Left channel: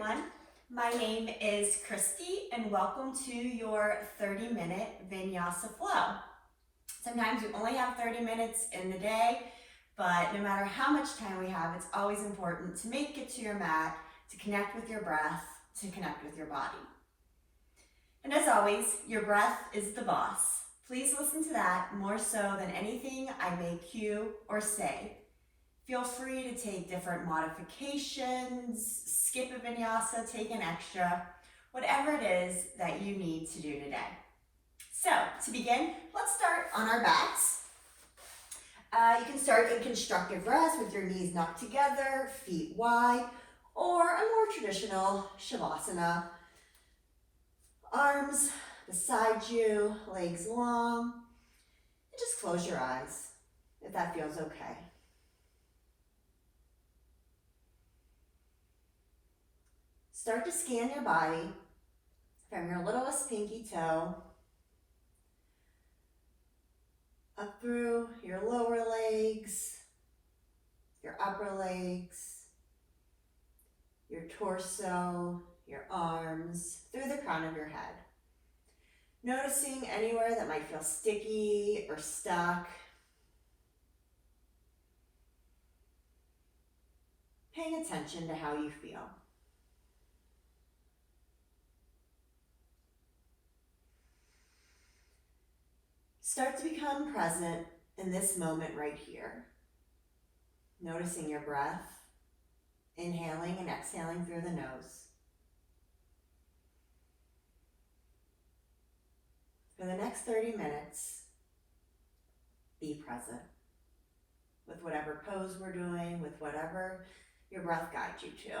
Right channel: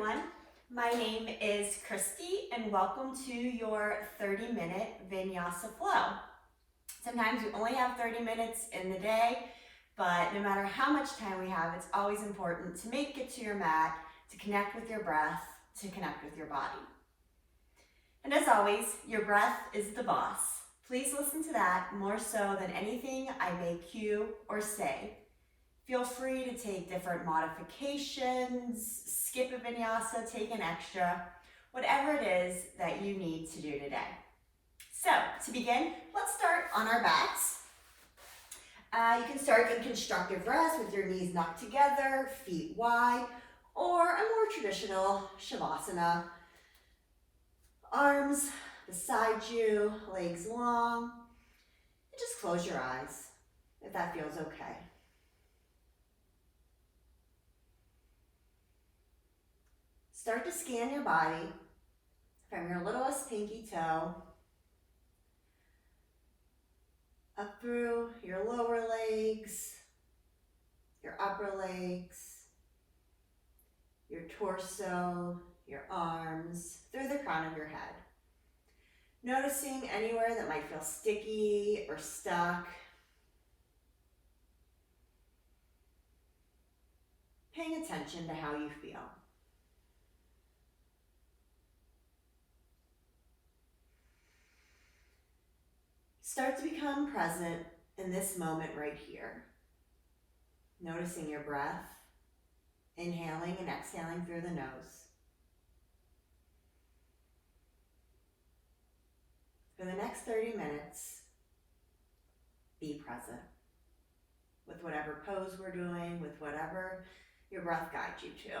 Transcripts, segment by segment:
everyone. My name is Christy and welcome to your 30-minute Vinyasa flow. Sometimes we only have 30 minutes in the day, but no matter how much time we have, it's always important to make it to your mat, to connect with your breath, to connect with your body. And as always, your breath is the boss. Please listen to that more so than anything I may cue or say. Feel free to take different modifications, skip a vinyasa, take an extra, whatever it is that you need to do today. So to begin, let's start on our backs. You can start in constructive rest with your knees knocked together, feet wide, or a more traditional Shavasana. Arms beside you, legs long, and just close your eyes if that feels okay. Start to scan your body from your littlest pinky toe up through your lower legs, your upper legs, your torso, your arms, through the crown of your head. Noticing anywhere that might feel sticky or stuck. Paying attention to how you feel. Start to become present in this moment right here. Noticing your breath, inhaling and exhaling through the nose. For the next 30 minutes, be present with whatever pose we're doing, with whatever your breath guides you to.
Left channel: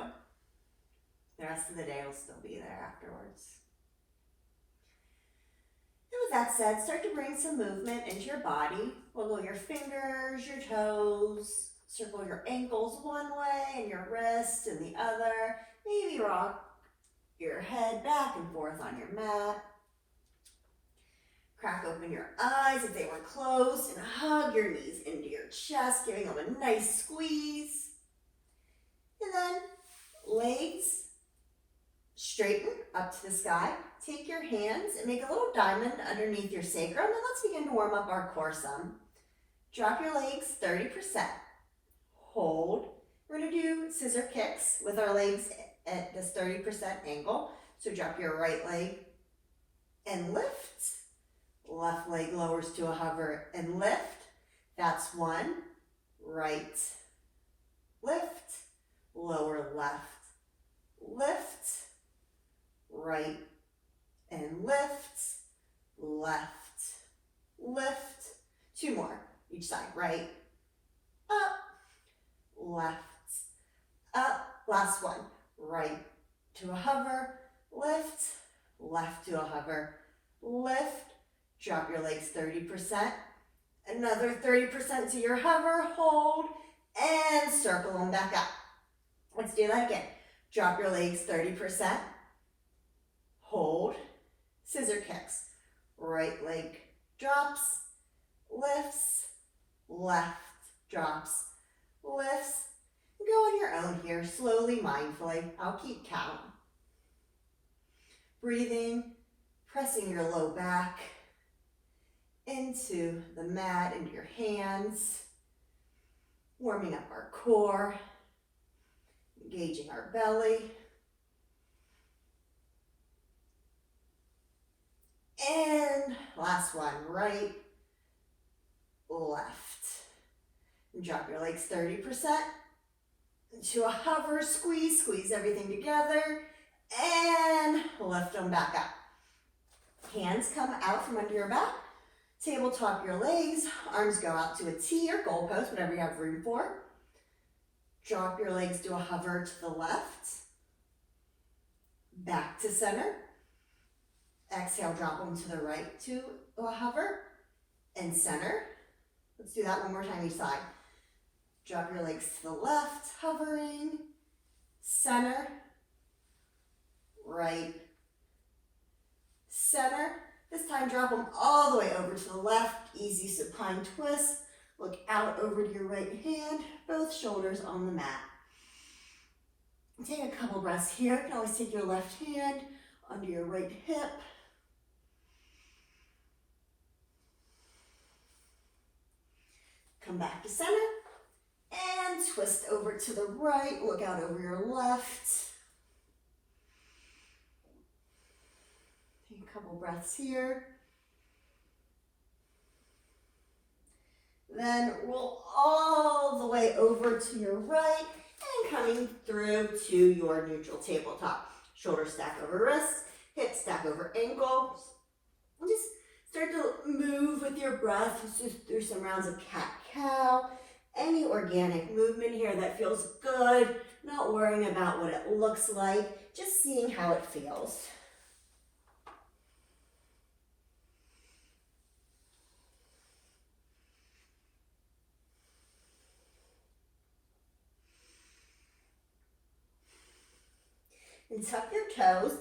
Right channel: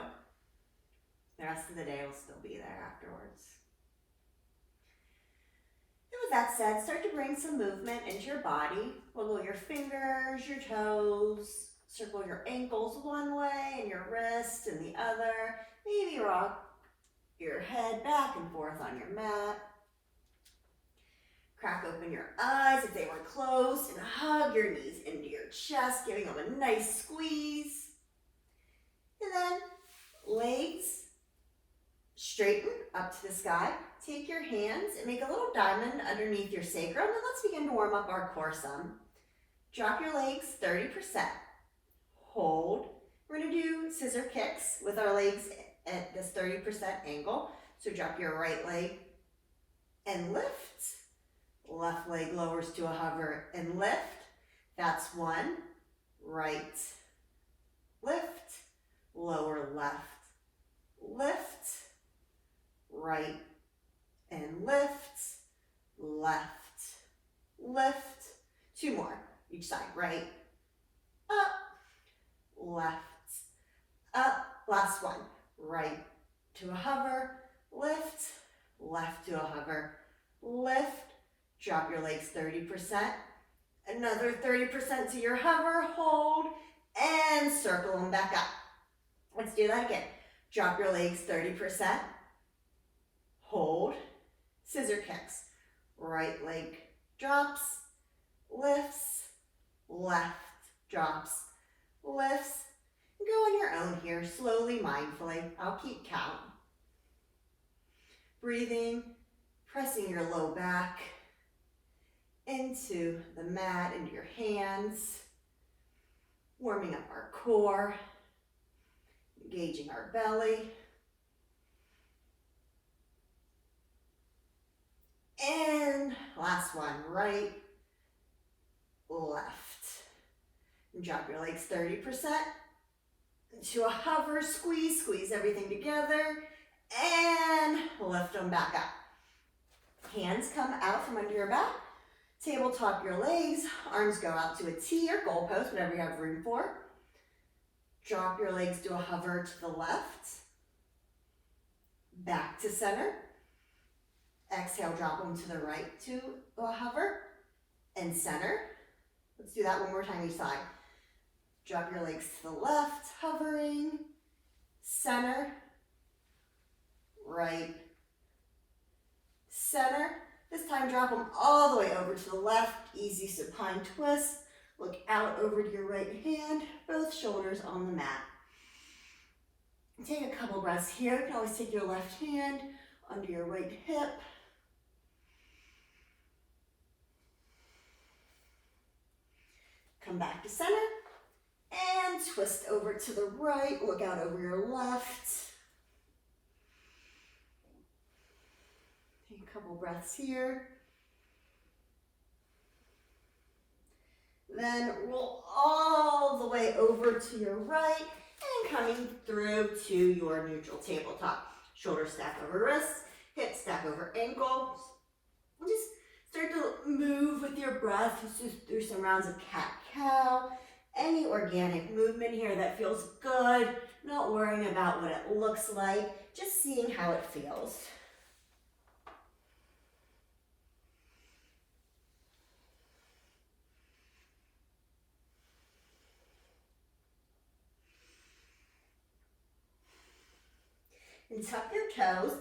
The rest of the day will still be there afterwards. And with that said, start to bring some movement into your body. Wiggle your fingers, your toes, circle your ankles one way and your wrists in the other. Maybe rock your head back and forth on your mat. Crack open your eyes if they were closed and hug your knees into your chest, giving them a nice squeeze. And then legs straighten up to the sky. Take your hands and make a little diamond underneath your sacrum, and let's begin to warm up our core some. Drop your legs 30%. Hold. We're going to do scissor kicks with our legs at this 30% angle. So drop your right leg and lift. Left leg lowers to a hover and lift. That's one. Right. Lift. Lower left. Lift. Right. And lift, left, lift. Two more, each side. Right, up, left, up. Last one. Right to a hover, lift, left to a hover, lift. Drop your legs 30%. Another 30% to your hover, hold, and circle them back up. Let's do that again. Drop your legs 30%. Hold. Scissor kicks. Right leg drops, lifts, left drops, lifts. Go on your own here, slowly, mindfully. I'll keep count. Breathing, pressing your low back into the mat, into your hands. Warming up our core, engaging our belly. And last one, right, left. And drop your legs 30% to a hover, squeeze, squeeze everything together, and lift them back up. Hands come out from under your back, tabletop your legs, arms go out to a T or goalpost, whatever you have room for. Drop your legs to a hover to the left, back to center. Exhale, drop them to the right to a hover and center. Let's do that one more time each side. Drop your legs to the left, hovering, center, right, center. This time drop them all the way over to the left, easy supine twist. Look out over to your right hand, both shoulders on the mat. Take a couple breaths here. You can always take your left hand under your right hip. Come back to center and twist over to the right. Look out over your left. Take a couple breaths here. Then roll all the way over to your right and coming through to your neutral tabletop. Shoulders stack over wrists, hips stack over ankles. And just start to move with your breath through some rounds of cat-cow. Any organic movement here that feels good, not worrying about what it looks like, just seeing how it feels. And tuck your toes,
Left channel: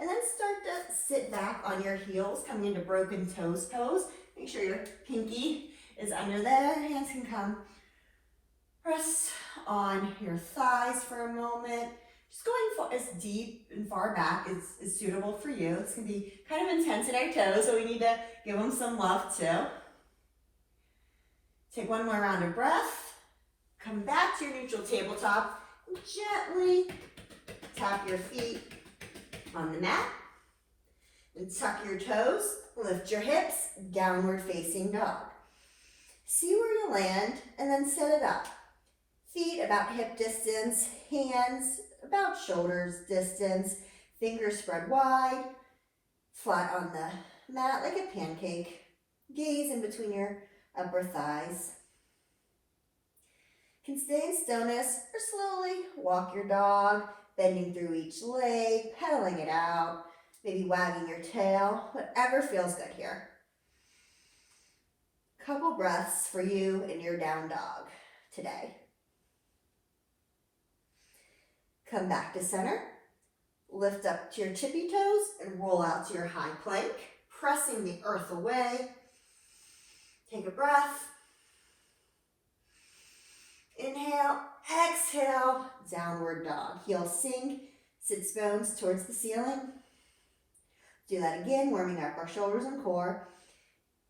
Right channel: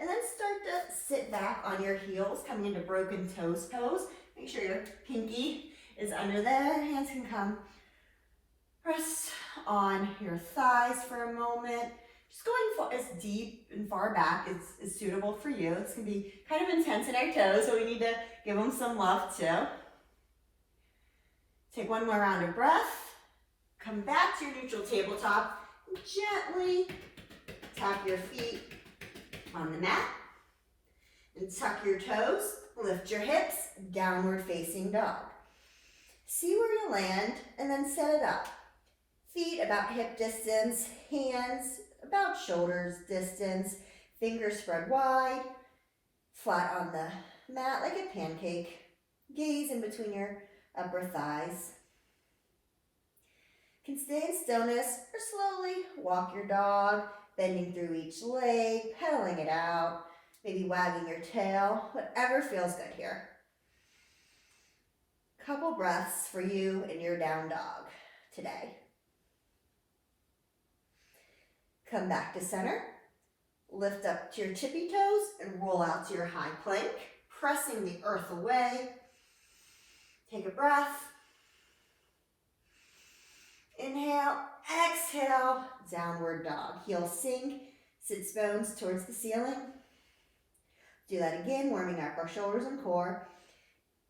and then start to sit back on your heels, coming into broken toes pose. Make sure your pinky is under there. Hands can come. Rest on your thighs for a moment. Just going as deep and far back is suitable for you. It's going to be kind of intense in our toes, so we need to give them some love too. Take one more round of breath. Come back to your neutral tabletop. And gently tap your feet on the mat. And tuck your toes. Lift your hips. Downward facing dog. See where you land and then set it up. Feet about hip distance, hands about shoulders distance, fingers spread wide, flat on the mat like a pancake. Gaze in between your upper thighs. You can stay in stillness or slowly walk your dog, bending through each leg, pedaling it out, maybe wagging your tail, whatever feels good here. Couple breaths for you in your down dog today. Come back to center. Lift up to your tippy toes and roll out to your high plank, pressing the earth away. Take a breath. Inhale, exhale, downward dog. Heels sink, sits bones towards the ceiling. Do that again, warming up our shoulders and core.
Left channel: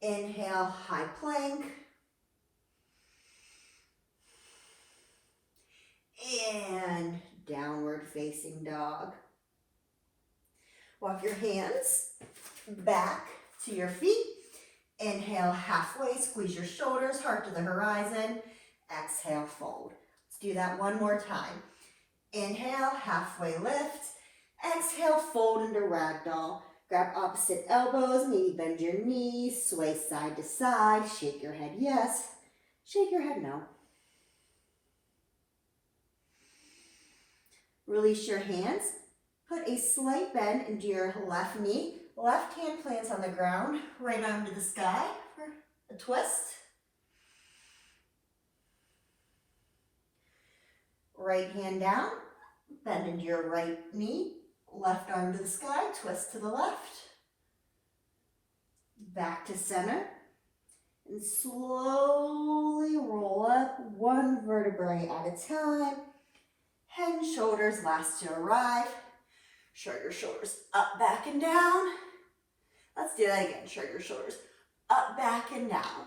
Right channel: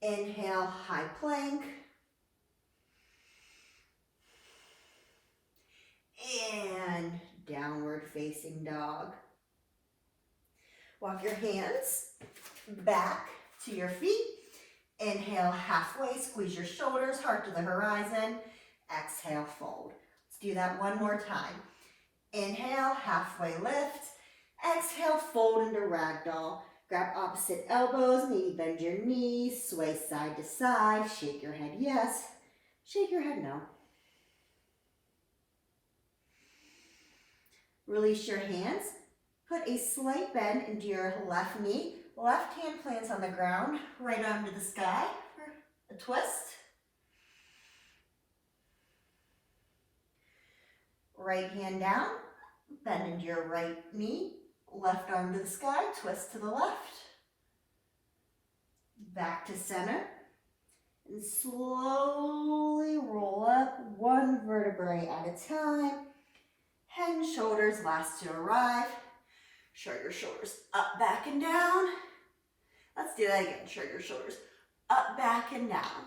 Inhale, high plank. And downward facing dog. Walk your hands back to your feet. Inhale, halfway, squeeze your shoulders, heart to the horizon. Exhale, fold. Let's do that one more time. Inhale, halfway lift. Exhale, fold into ragdoll. Grab opposite elbows, maybe bend your knees, sway side to side, shake your head yes, shake your head no. Release your hands. Put a slight bend into your left knee. Left hand plants on the ground, right arm to the sky for a twist. Right hand down, bend into your right knee. Left arm to the sky, twist to the left. Back to center. And slowly roll up one vertebrae at a time. Head and shoulders last to arrive. Shrug your shoulders up, back, and down. Let's do that again. Shrug your shoulders up, back, and down.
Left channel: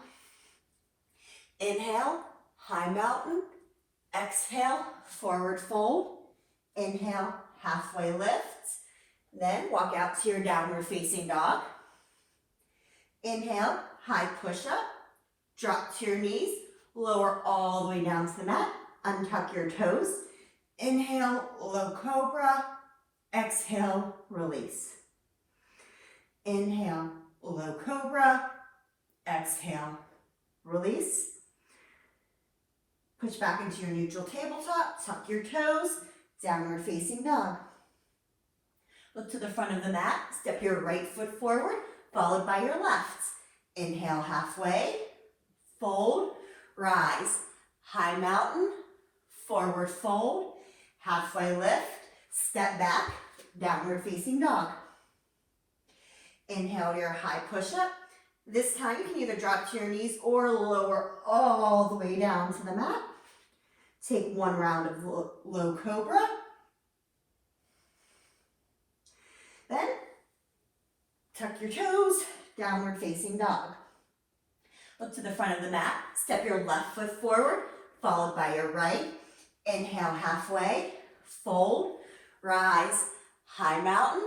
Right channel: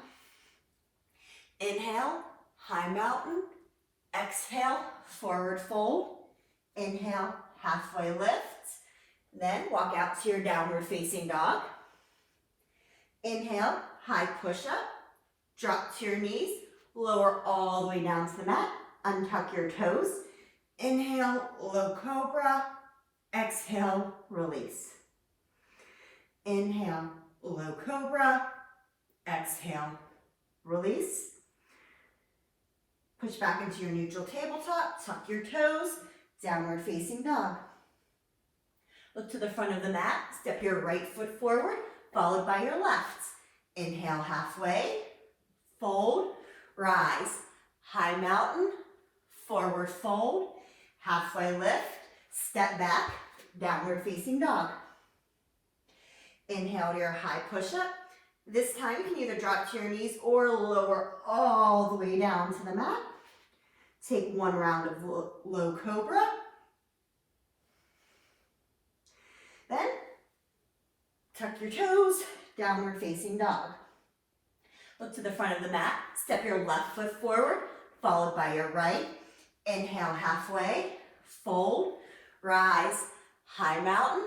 Inhale, high mountain. Exhale, forward fold. Inhale, halfway lift. Then walk out to your downward facing dog. Inhale, high push up. Drop to your knees. Lower all the way down to the mat. Untuck your toes. Inhale, low cobra. Exhale, release. Inhale, low cobra. Exhale, release. Push back into your neutral tabletop. Tuck your toes. Downward facing dog. Look to the front of the mat. Step your right foot forward, followed by your left. Inhale, halfway. Fold. Rise. High mountain. Forward fold. Halfway lift. Step back. Downward facing dog. Inhale to your high push-up. This time you can either drop to your knees or lower all the way down to the mat. Take one round of low cobra. Tuck your toes, downward facing dog. Look to the front of the mat, step your left foot forward, followed by your right. Inhale halfway, fold, rise, high mountain,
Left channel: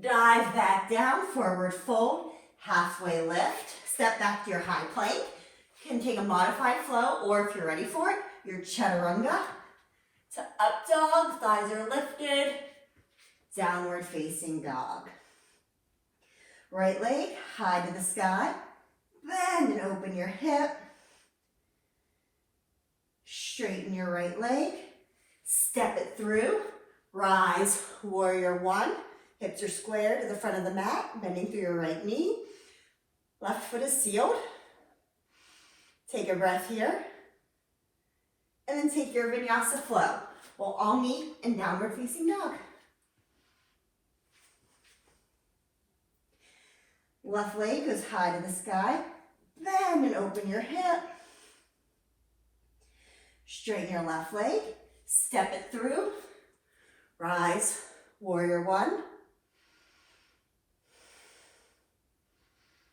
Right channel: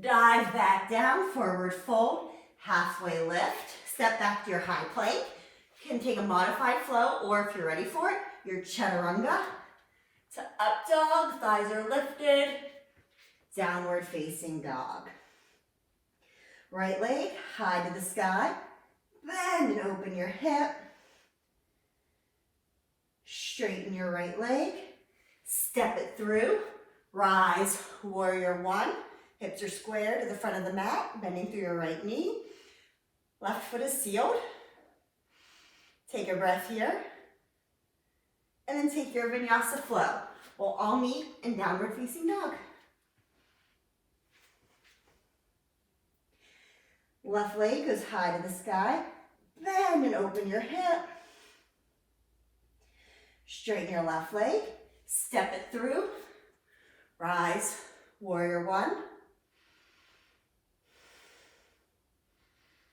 dive back down, forward fold, halfway lift, step back to your high plank. You can take a modified flow, or if you're ready for it, your chaturanga to up dog, thighs are lifted, downward facing dog. Right leg high to the sky, bend and open your hip, straighten your right leg, step it through, rise, warrior one, hips are square to the front of the mat, bending through your right knee, left foot is sealed. Take a breath here, and then take your vinyasa flow. We'll all meet in downward facing dog. Left leg goes high to the sky, bend and open your hip. Straighten your left leg, step it through, rise, warrior one.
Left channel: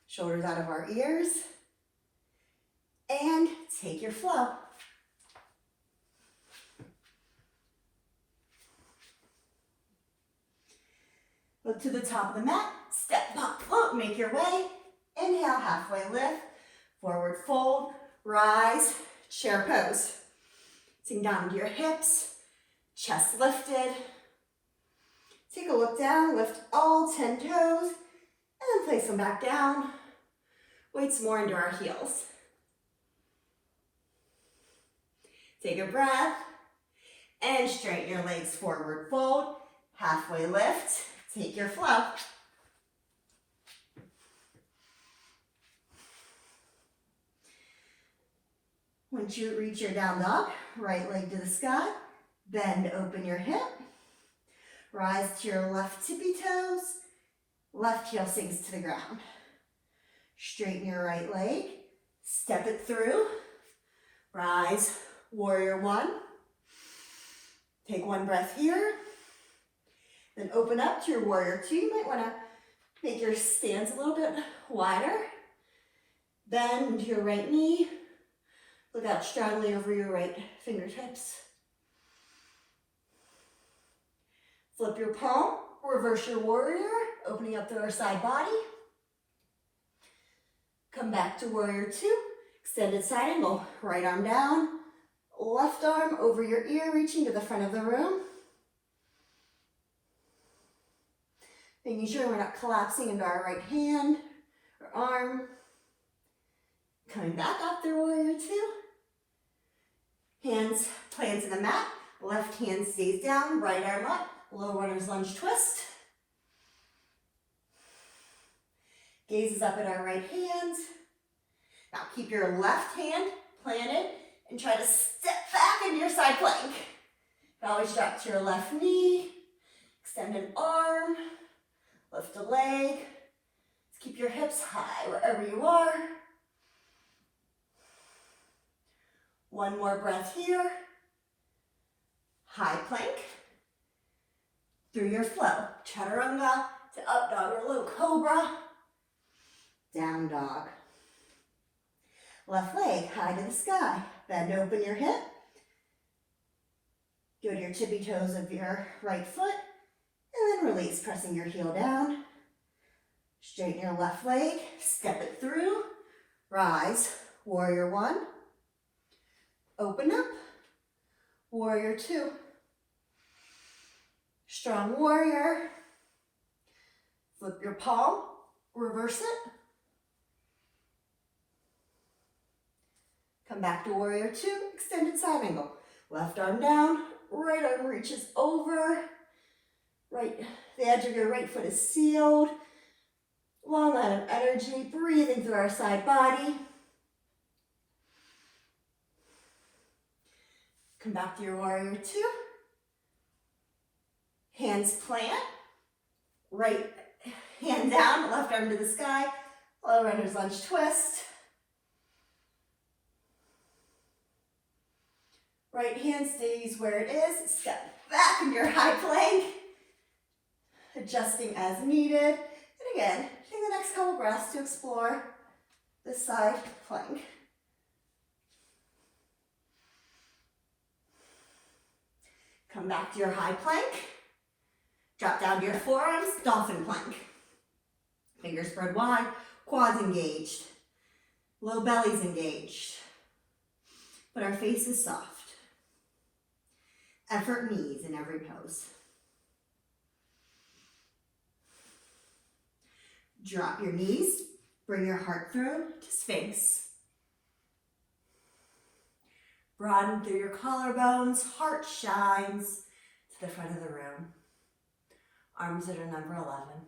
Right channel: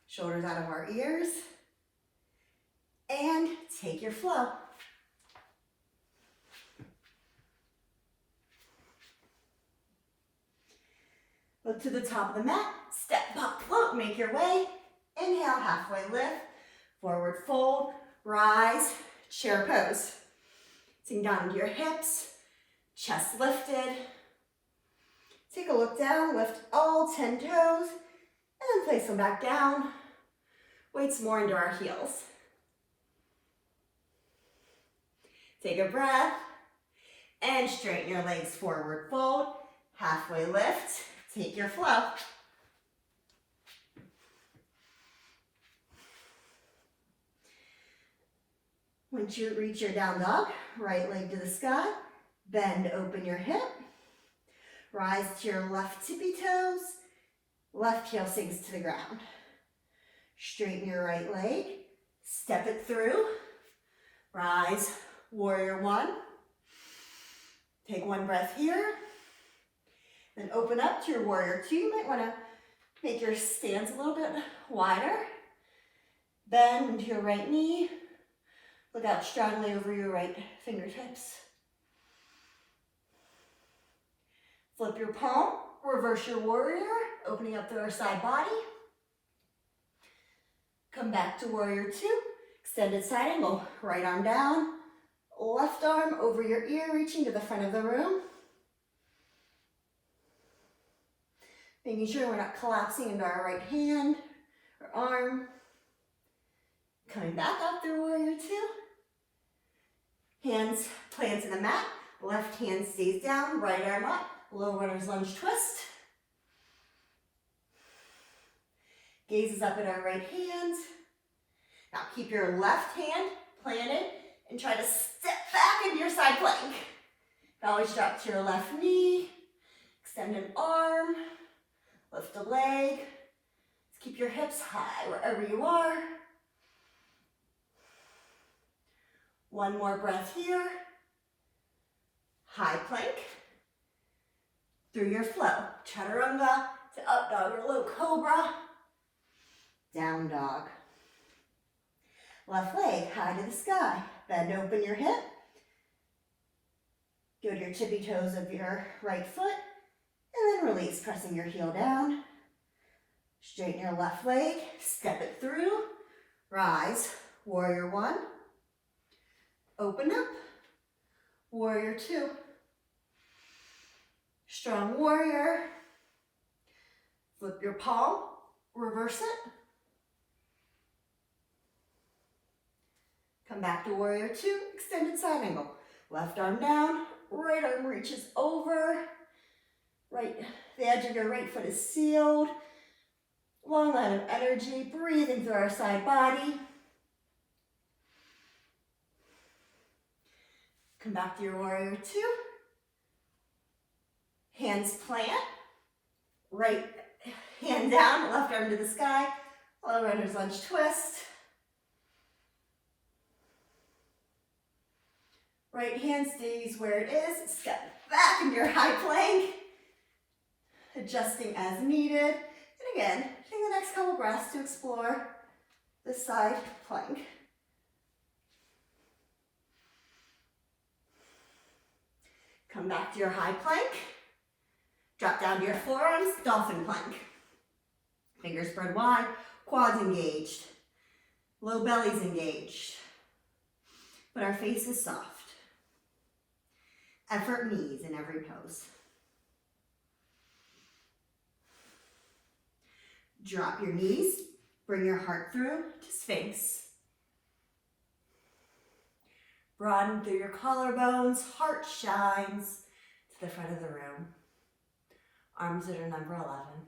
Shoulders out of our ears, and take your flow. Look to the top of the mat, step, pop, float, make your way. Inhale, halfway lift, forward fold, rise, chair pose. Sink down to your hips, chest lifted. Take a look down, lift all 10 toes, and then place them back down. Weights more into our heels. Take a breath, and straighten your legs, forward fold, halfway lift. Take your flow. Once you reach your down dog, right leg to the sky, bend, open your hip, rise to your left tippy toes, left heel sinks to the ground. Straighten your right leg, step it through, rise, warrior one. Take one breath here. Then open up to your warrior two. You might want to make your stance a little bit wider. Bend into your right knee. Look out strongly over your right fingertips. Flip your palm, reverse your warrior, opening up through our side body. Come back to warrior two, extended side angle, right arm down, left arm over your ear, reaching to the front of the room. Making sure we're not collapsing into our right hand or arm. Coming back up through warrior two. Hands plant to the mat, left hand stays down, right arm up, low runner's lunge twist. Gaze is up at our right hand. Now keep your left hand planted and try to step back into your side plank. Always drop to your left knee, extend an arm, lift a leg. Let's keep your hips high wherever you are. One more breath here. High plank. Through your flow. Chaturanga to up dog or low cobra. Down dog. Left leg high to the sky. Bend open your hip. Go to your tippy toes of your right foot. And then release, pressing your heel down. Straighten your left leg. Step it through. Rise. Warrior one. Open up. Warrior two. Strong warrior. Flip your palm. Reverse it. Come back to warrior two. Extended side angle. Left arm down. Right arm reaches over. Right, the edge of your right foot is sealed. Long line of energy, breathing through our side body. Come back to your warrior two. Hands plant. Right hand down, left arm to the sky. Low runner's lunge twist. Right hand stays where it is. Step back into your high plank. Adjusting as needed. And Again, take the next couple breaths to explore the side plank. Come back to your high plank. Drop down to your forearms, dolphin plank. Fingers spread wide, quads engaged, low belly's engaged, but our face is soft. Effort knees in every pose. Drop your knees, bring your heart through to Sphinx. Broaden through your collarbones, heart shines to the front of the room. Arms at a number 11.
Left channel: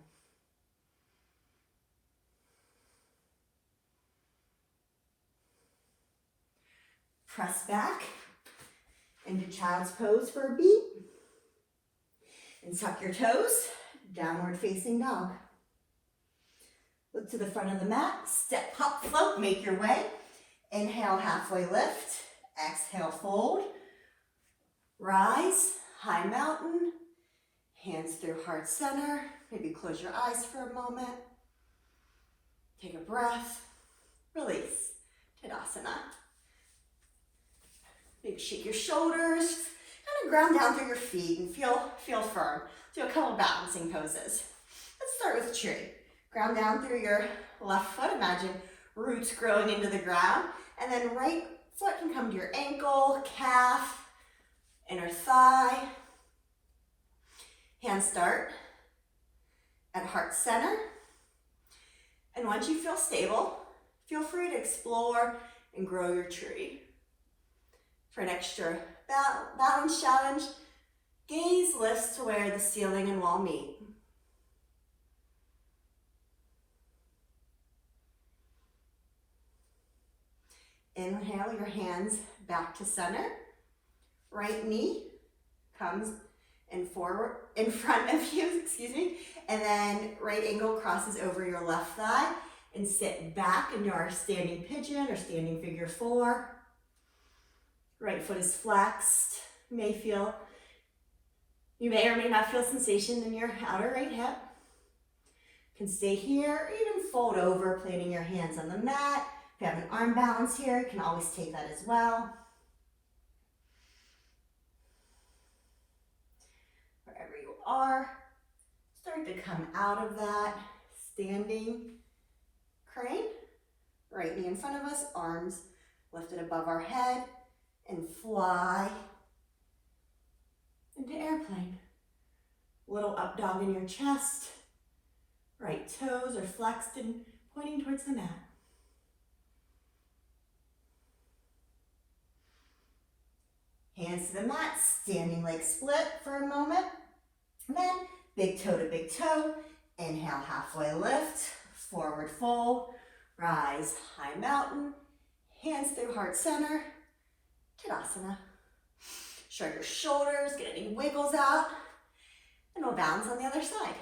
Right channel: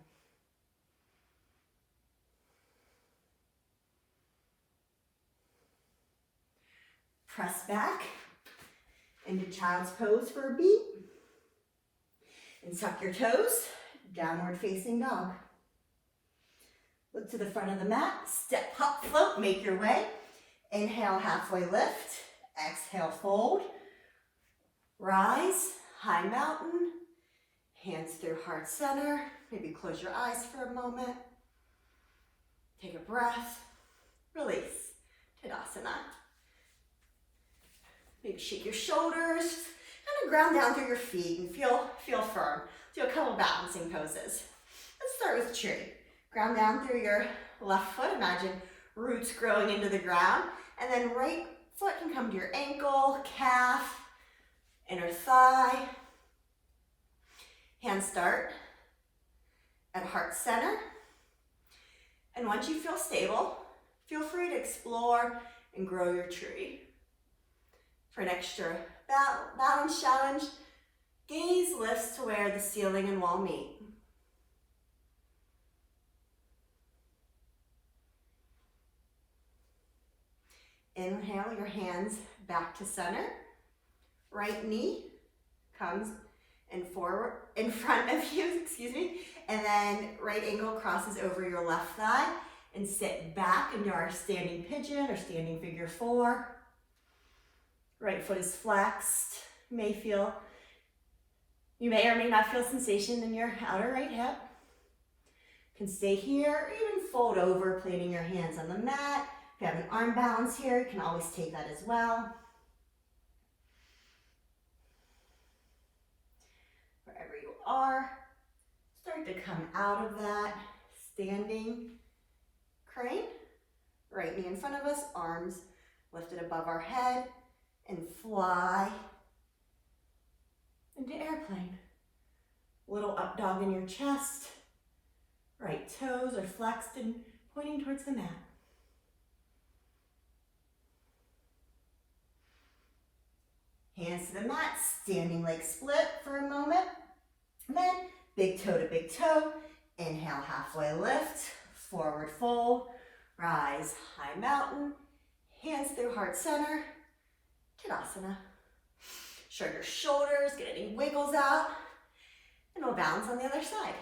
Press back into child's pose for a beat. And tuck your toes, downward facing dog. Look to the front of the mat, step, hop, float, make your way. Inhale, halfway lift. Exhale, fold. Rise, high mountain. Hands through heart center. Maybe close your eyes for a moment. Take a breath. Release. Tadasana. Maybe shake your shoulders. Kind of ground down through your feet and feel firm. Do a couple balancing poses. Let's start with tree. Ground down through your left foot. Imagine roots growing into the ground. And then right foot can come to your ankle, calf, inner thigh. Hands start at heart center. And once you feel stable, feel free to explore and grow your tree. For an extra balance challenge, gaze lifts to where the ceiling and wall meet. Inhale your hands back to center. Right knee comes in front of you, and then right ankle crosses over your left thigh and sit back into our standing pigeon or standing figure 4. Right foot is flexed. You may or may not feel sensation in your outer right hip. You can stay here or even fold over, planting your hands on the mat. If you have an arm balance here, you can always take that as well. Wherever you are, start to come out of that standing crane. Right knee in front of us, arms lifted above our head, and fly into airplane. Little up dog in your chest. Right toes are flexed and pointing towards the mat. Hands to the mat, standing leg split for a moment. And then big toe to big toe. Inhale, halfway lift, forward fold, rise, high mountain, hands through heart center, Tadasana. Shrug your shoulders, get any wiggles out, and we'll balance on the other side.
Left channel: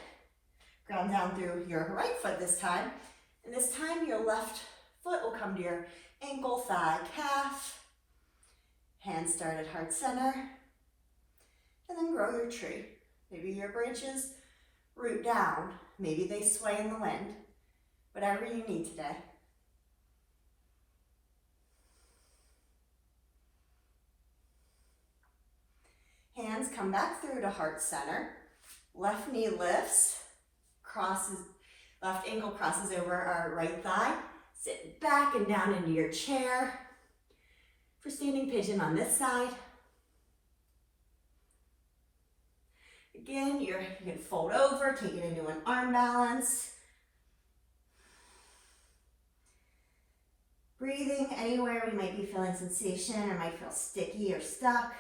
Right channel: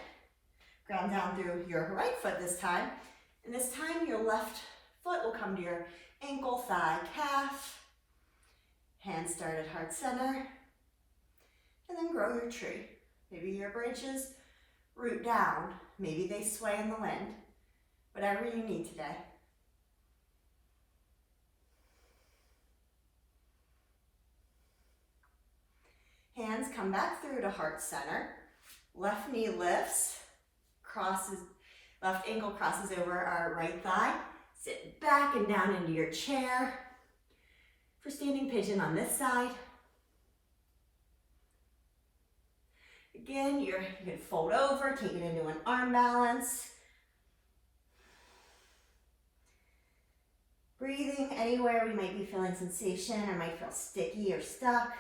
Ground down through your right foot this time, and this time your left foot will come to your ankle, thigh, calf. Hands start at heart center, and then grow your tree. Maybe your branches root down, maybe they sway in the wind, whatever you need today. Hands come back through to heart center. Left knee lifts, left ankle crosses over our right thigh. Sit back and down into your chair for standing pigeon on this side. Again, you can fold over, take it into an arm balance. Breathing anywhere we might be feeling sensation or might feel sticky or stuck.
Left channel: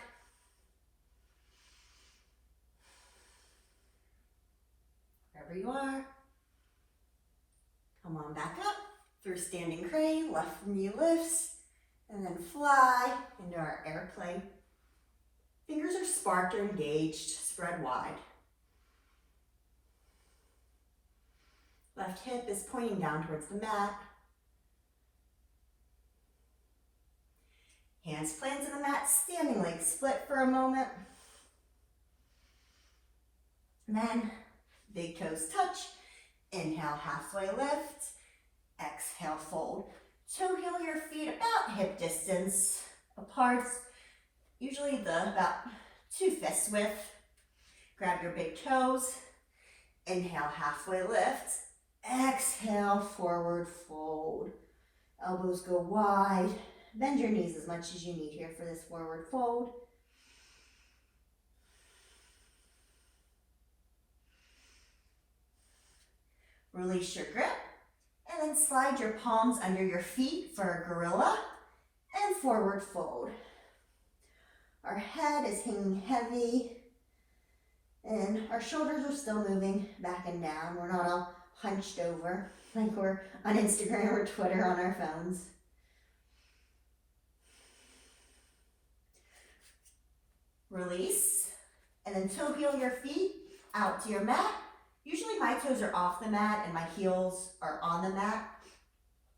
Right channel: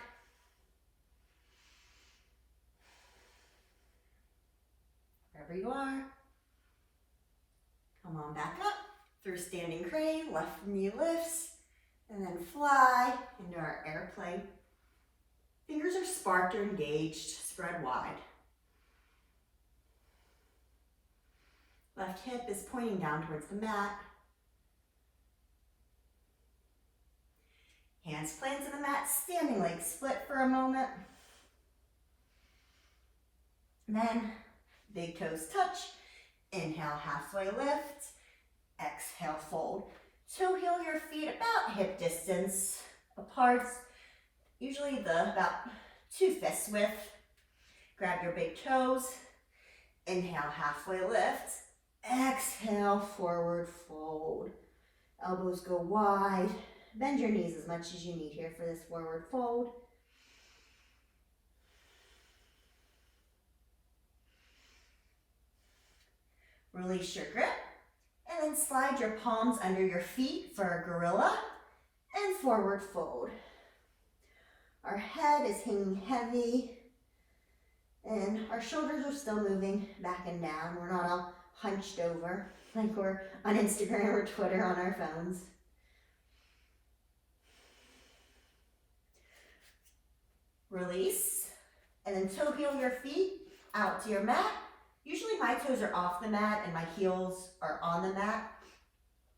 Wherever you are, come on back up through standing crane, left knee lifts, and then fly into our airplane. Fingers are sparked or engaged, spread wide. Left hip is pointing down towards the mat. Hands planted to the mat, standing leg split for a moment. And then big toes touch, Inhale, halfway lift. Exhale, fold. Toe heel your feet about hip distance apart, usually about 2 fists width. Grab your big toes. Inhale, halfway lift. Exhale, forward fold. Elbows go wide. Bend your knees as much as you need here for this forward fold. Release your grip, and then slide your palms under your feet for a gorilla and forward fold. Our head is hanging heavy, and our shoulders are still moving back and down. We're not all hunched over like we're on Instagram or Twitter on our phones. Release, and then toe heel your feet out to your mat. Usually my toes are off the mat and my heels are on the mat.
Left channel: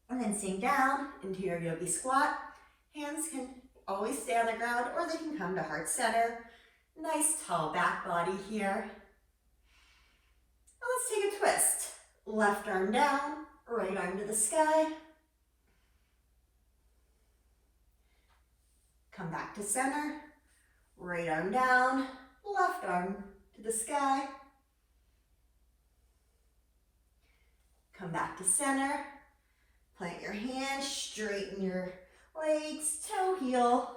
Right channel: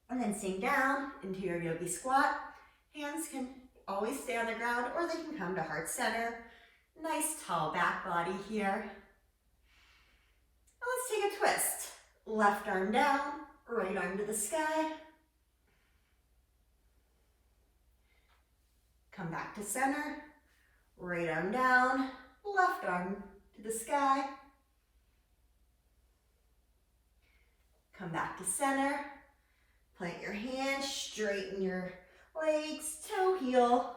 And then sink down into your yogi squat. Hands can always stay on the ground or they can come to heart center. Nice tall back body here. Now let's take a twist. Left arm down, right arm to the sky. Come back to center. Right arm down, left arm to the sky. Come back to center. Plant your hands, straighten your legs, toe heel,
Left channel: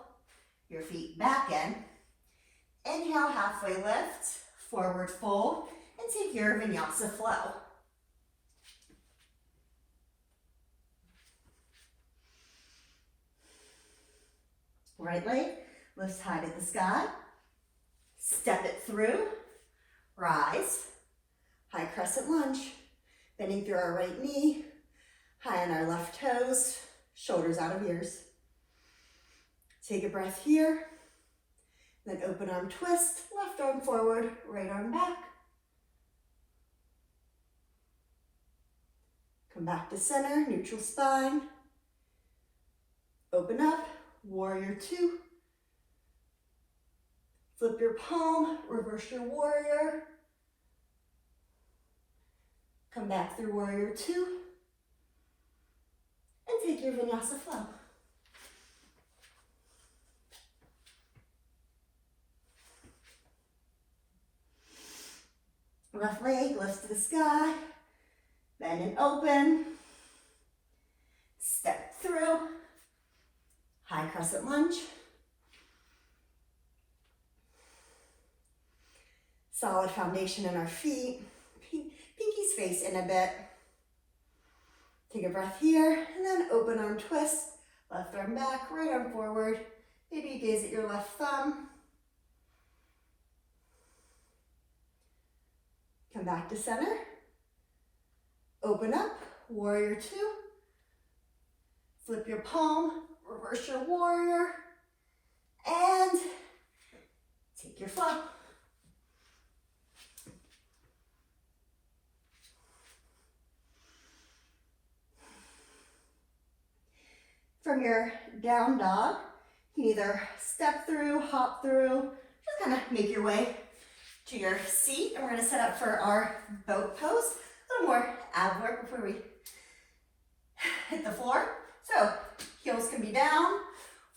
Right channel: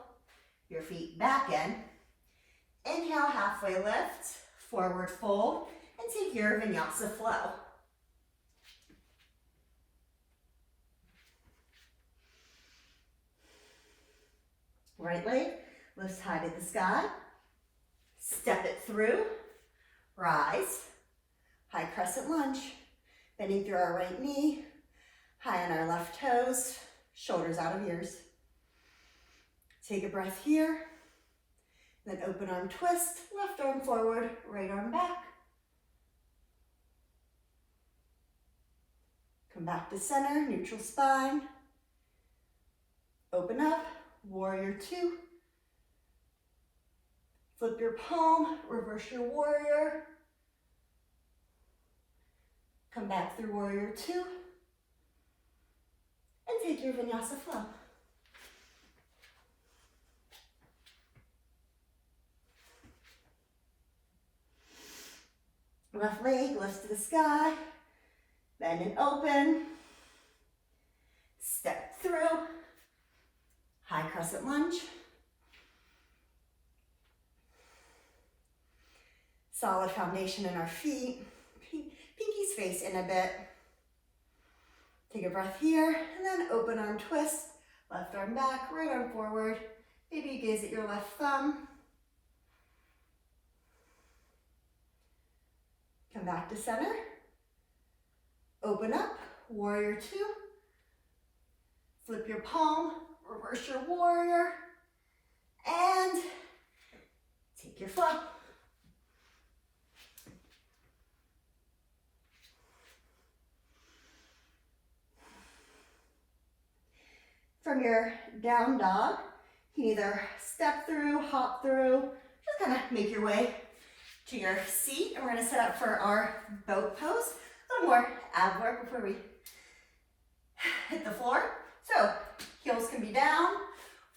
your feet back in. Inhale, halfway lift, forward fold, and take your Vinyasa flow. Right leg lifts high to the sky. Step it through. Rise. High crescent lunge. Bending through our right knee. High on our left toes. Shoulders out of ears. Take a breath here. Then open arm twist. Left arm forward. Right arm back. Come back to center. Neutral spine. Open up. Warrior two. Flip your palm, reverse your warrior. Come back through warrior two. And take your Vinyasa flow. Left leg lifts to the sky. Bend and open. Step through. High crescent lunge. Solid foundation in our feet. Pinkies face in a bit. Take a breath here, and then open arm twist. Left arm back, right arm forward. Maybe you gaze at your left thumb. Come back to center. Open up, warrior two. Flip your palm, reverse your warrior, and take your flow. From your down dog, you can either step through, hop through, just kind of make your way to your seat. And we're going to set up for our boat pose. A little more ab work before we hit the floor. So heels can be down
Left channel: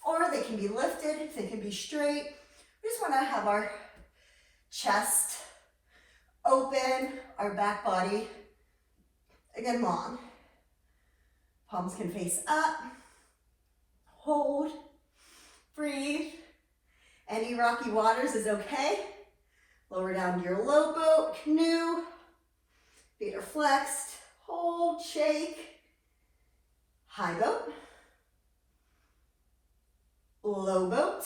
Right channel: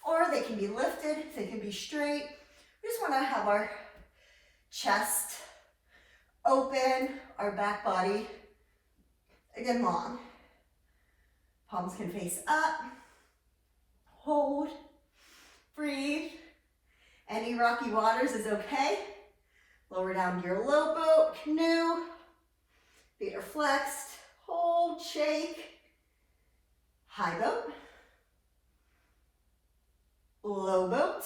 or they can be lifted, they can be straight. We just want to have our chest open, our back body, again, long. Palms can face up. Hold, breathe. Any rocky waters is okay. Lower down to your low boat, canoe. Feet are flexed. Hold, shake. High boat. Low boat.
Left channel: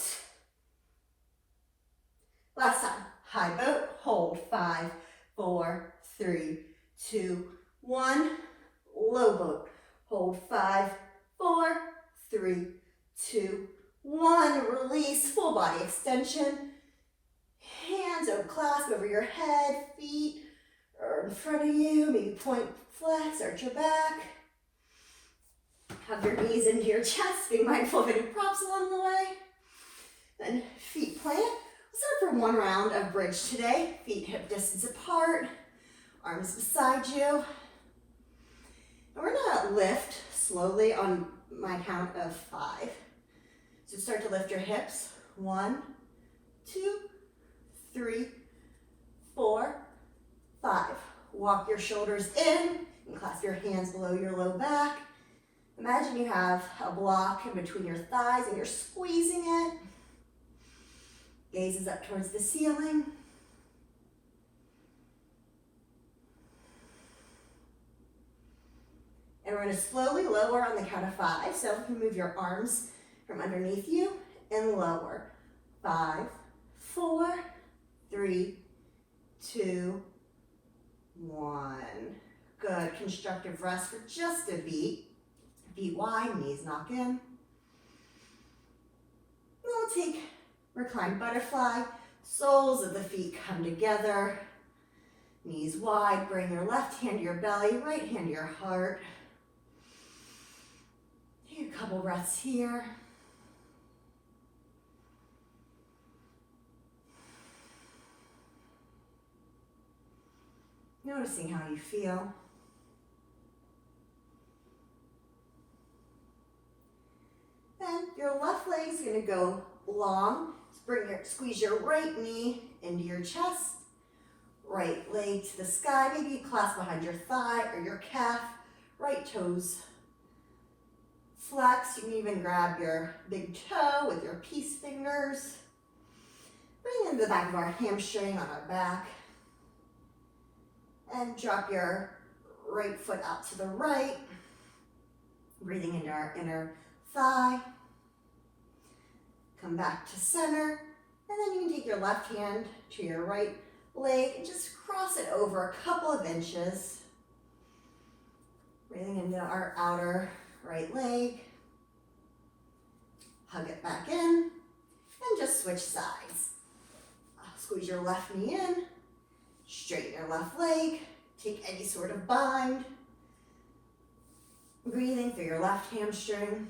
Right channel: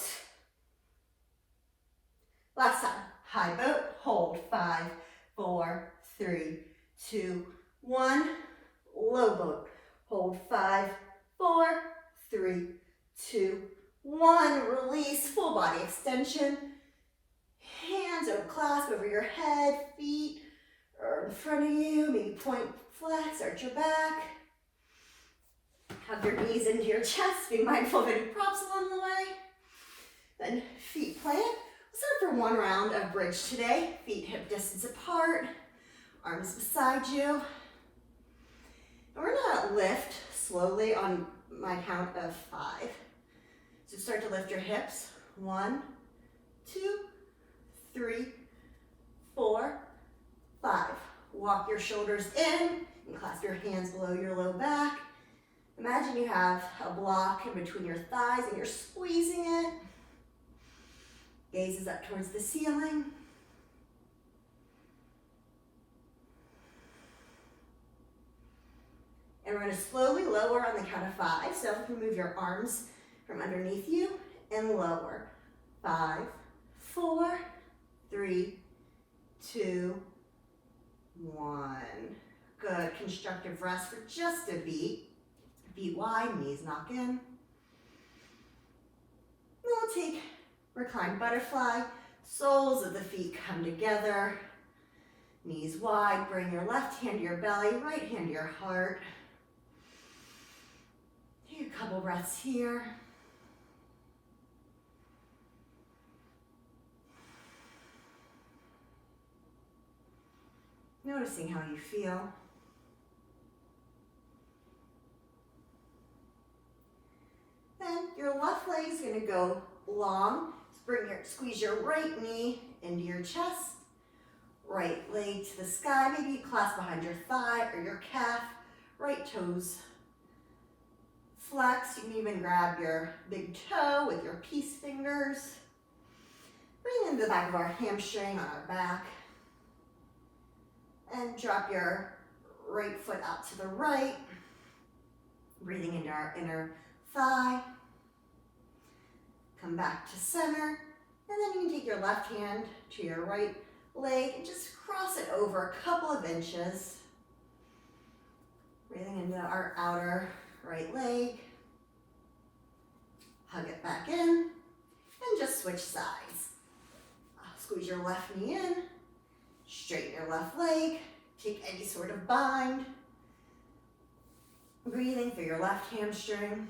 Last time. High boat. Hold. 5, 4, 3, 2, 1. Low boat. Hold. 5, 4, 3, 2, 1. Release. Full body extension. Hands are clasped over your head. Feet are in front of you. Maybe point, flex, arch your back. Hug your knees into your chest. Be mindful of any props along the way. Then feet plant. We'll start for one round of bridge today. Feet hip distance apart. Arms beside you. We're gonna lift slowly on my count of 5. So start to lift your hips. 1, 2, 3, 4, 5. Walk your shoulders in and clasp your hands below your low back. Imagine you have a block in between your thighs and you're squeezing it. Gaze is up towards the ceiling. And we're going to slowly lower on the count of 5. So if you move your arms from underneath you and lower. 5, 4, 3, 2, 1. Good. Constructive rest for just a beat. Feet wide, knees knock in. Then we'll take reclined butterfly. Soles of the feet come together. Knees wide. Bring your left hand to your belly, right hand to your heart. Take a couple breaths here. Noticing how you feel. Then your left leg is going to go long. Squeeze your right knee into your chest. Right leg to the sky. Maybe clasp behind your thigh or your calf. Right toes flex. You can even grab your big toe with your peace fingers. Bring in the back of our hamstring on our back. And drop your right foot out to the right. Breathing into our inner thigh. Come back to center. And then you can take your left hand to your right leg and just cross it over a couple of inches. Breathing into our outer right leg. Hug it back in. And just switch sides. Squeeze your left knee in. Straighten your left leg. Take any sort of bind. Breathing through your left hamstring.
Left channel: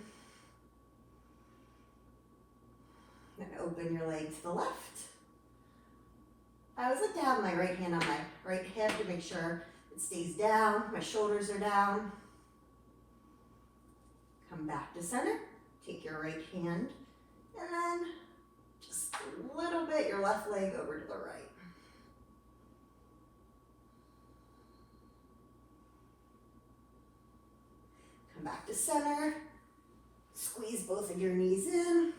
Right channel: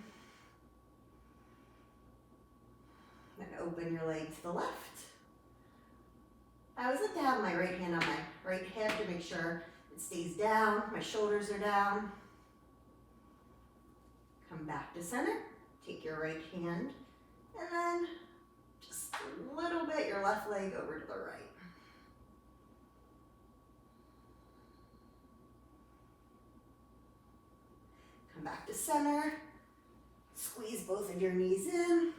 And open your leg to the left. I always like to have my right hand on my right hip to make sure it stays down. My shoulders are down. Come back to center. Take your right hand. And then just a little bit your left leg over to the right. Come back to center. Squeeze both of your knees in.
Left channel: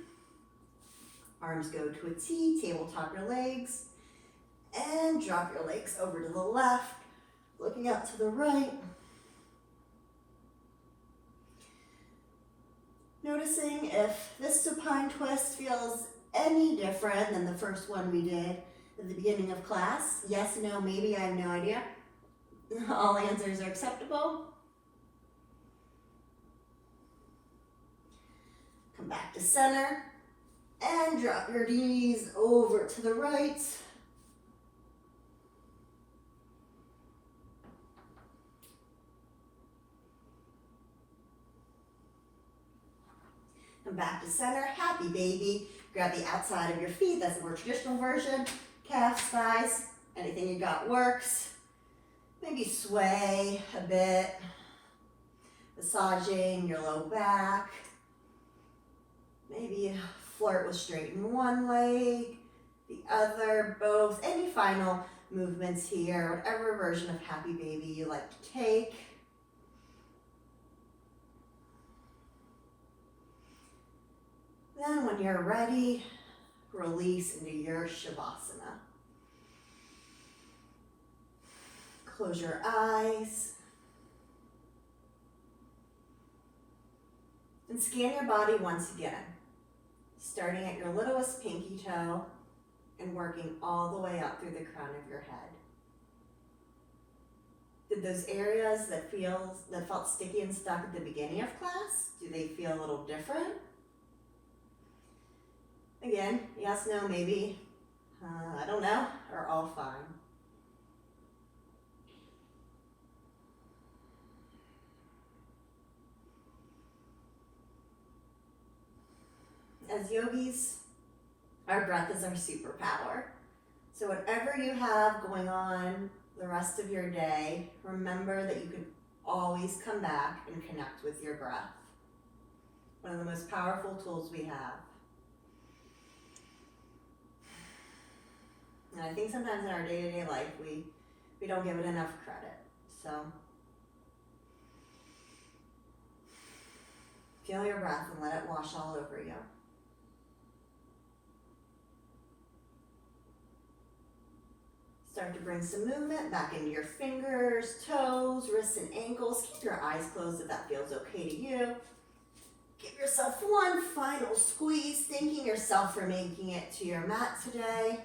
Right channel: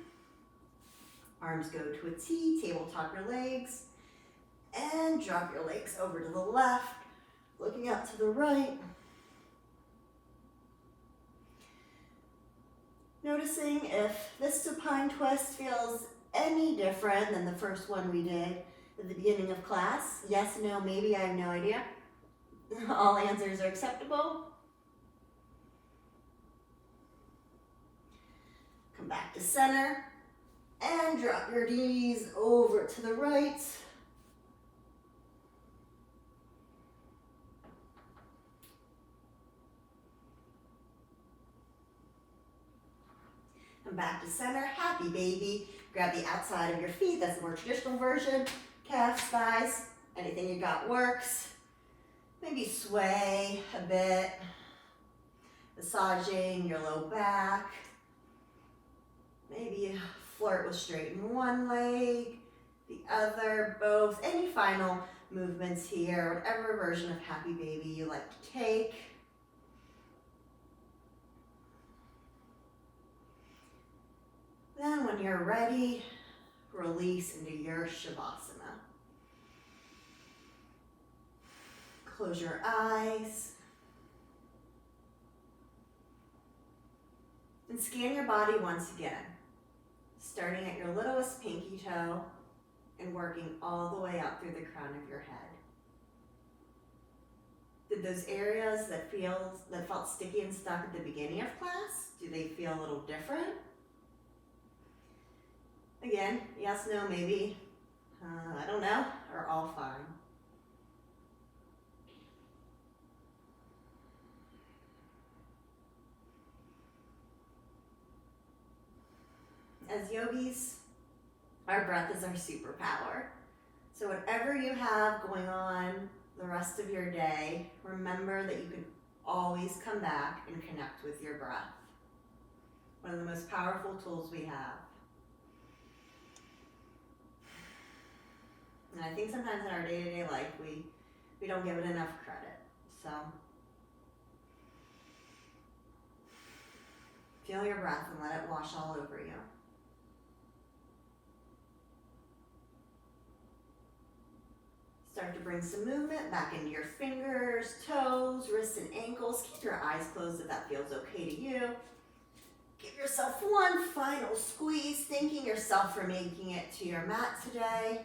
Arms go to a T, tabletop your legs. And drop your legs over to the left, looking out to the right. Noticing if this supine twist feels any different than the first one we did at the beginning of class. Yes, no, maybe, I have no idea. All answers are acceptable. Come back to center and drop your knees over to the right. Come back to center, happy baby. Grab the outside of your feet, that's the more traditional version. Calves, thighs, anything you got works. Maybe sway a bit. Massaging your low back. Maybe flirt with straighten one leg, the other, both. Any final movements here, whatever version of happy baby you like to take. Then when you're ready, release into your Shavasana. Close your eyes. And scan your body once again. Starting at your littlest pinky toe and working all the way up through the crown of your head. Did those areas that felt sticky and stuck at the beginning of class, do they feel a little different? Again, yes, no, maybe, I don't know, are all fine. As yogis, our breath is our superpower. So whatever you have going on the rest of your day, remember that you can always come back and connect with your breath. One of the most powerful tools we have. And I think sometimes in our day-to-day life, we don't give it enough credit. So feel your breath and let it wash all over you. Start to bring some movement back into your fingers, toes, wrists, and ankles. Keep your eyes closed if that feels okay to you. Give yourself one final squeeze, thanking yourself for making it to your mat today.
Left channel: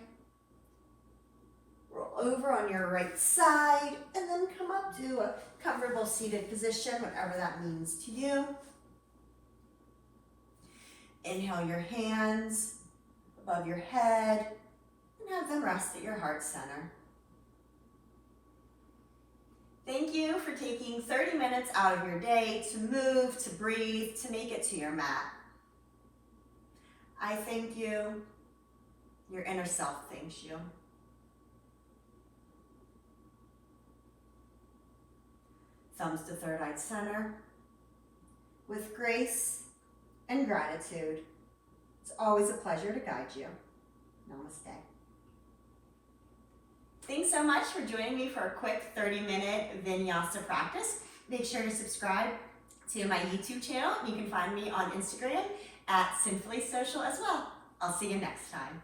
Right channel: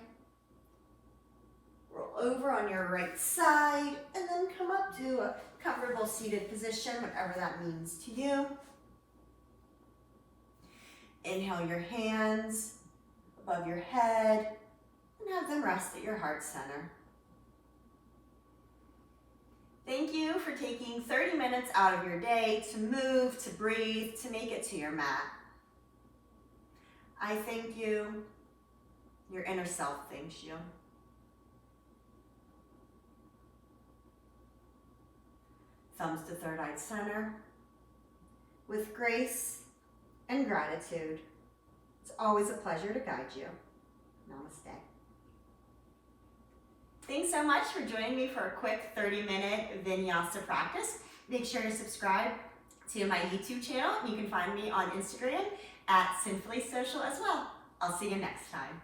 Roll over on your right side, and then come up to a comfortable seated position, whatever that means to you. Inhale your hands above your head, and have them rest at your heart center. Thank you for taking 30 minutes out of your day to move, to breathe, to make it to your mat. I thank you. Your inner self thanks you. Thumbs to third eye center. With grace and gratitude, it's always a pleasure to guide you. Namaste. Thanks so much for joining me for a quick 30-minute Vinyasa practice. Make sure to subscribe to my YouTube channel. You can find me on Instagram at Sinfully Social as well. I'll see you next time.